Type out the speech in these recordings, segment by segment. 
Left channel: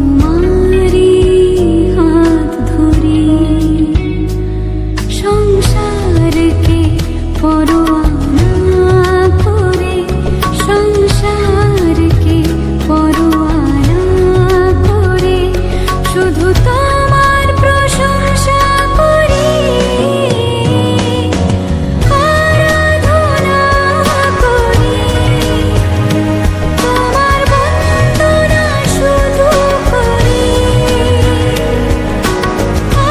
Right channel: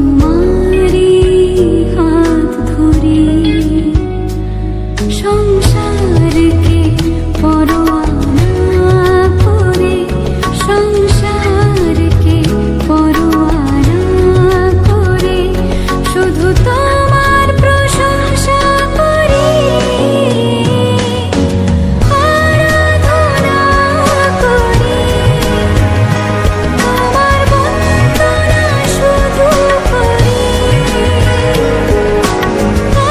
তোমারি হাত ধরি সংসারকে পরোয়া না করে, সংসারকে পরোয়া না করে শুধু তোমার প্রশংসা করি, আরাধনা করি, তোমার বন্দনা শুধু করি,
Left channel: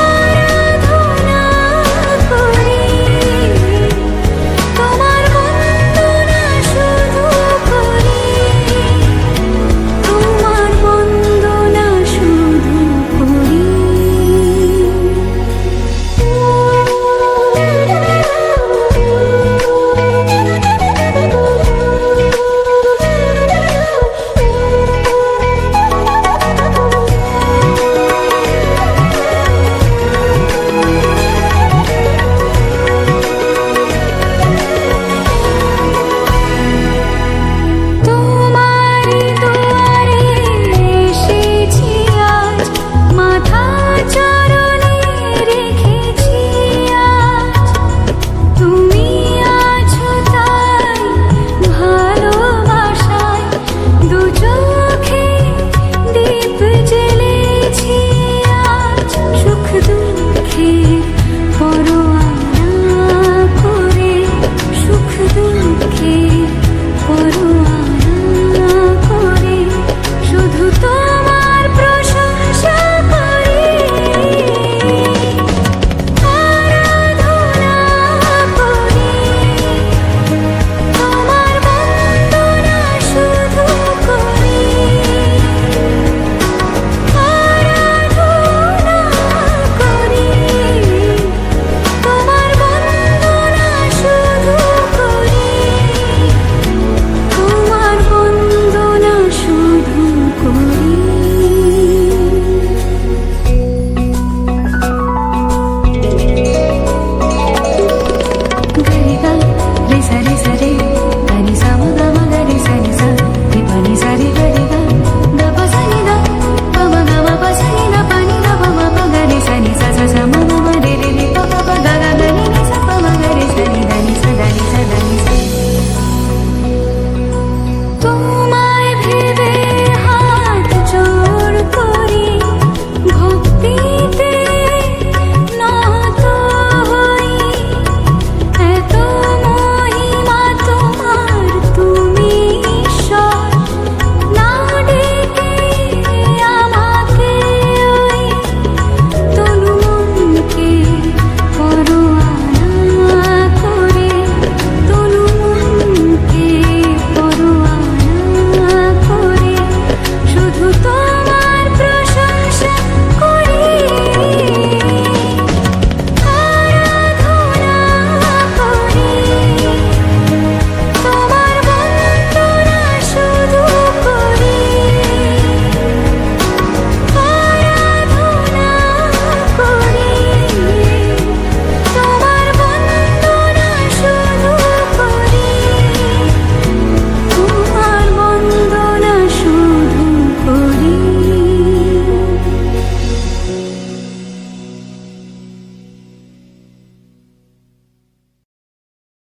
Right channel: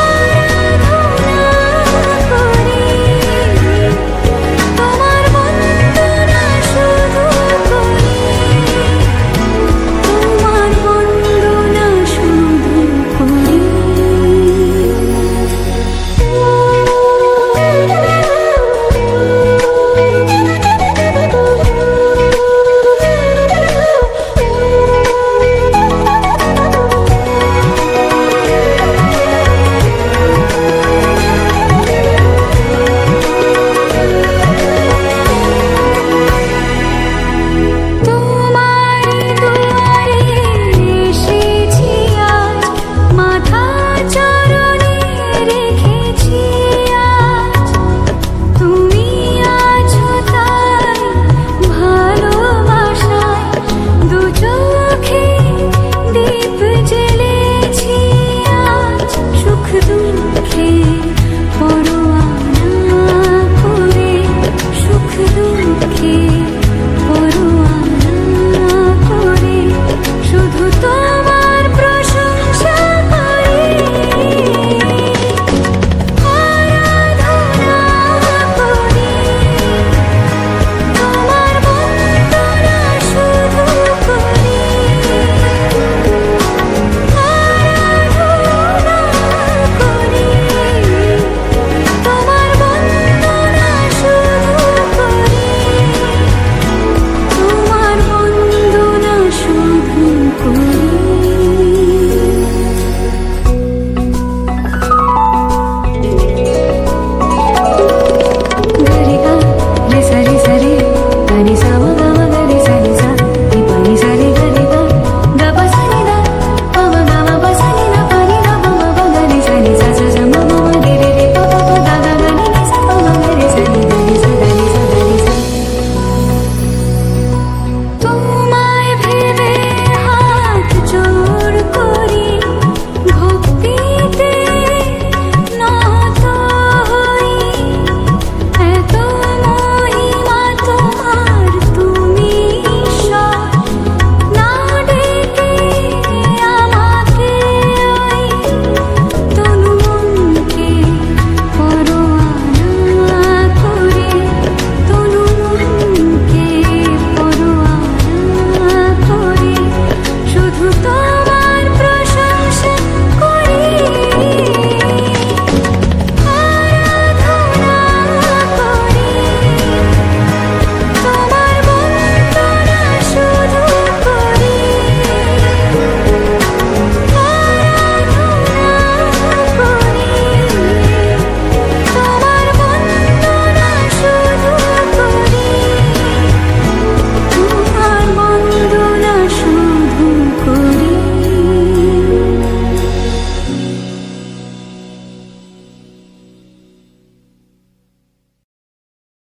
আরাধনা করি, তোমার বন্দনা শুধু করি, তোমার বন্দনা শুধু করি। তোমারি দুয়ারে এসেছি আজ, মাথা চরণে রেখেছি আজ, তুমি আছো তাই ভালোবাসায় দু চোখে দীপ জ্বেলেছি আজ, সুখ দুঃখের পরোয়া না করে, সুখ দুঃখ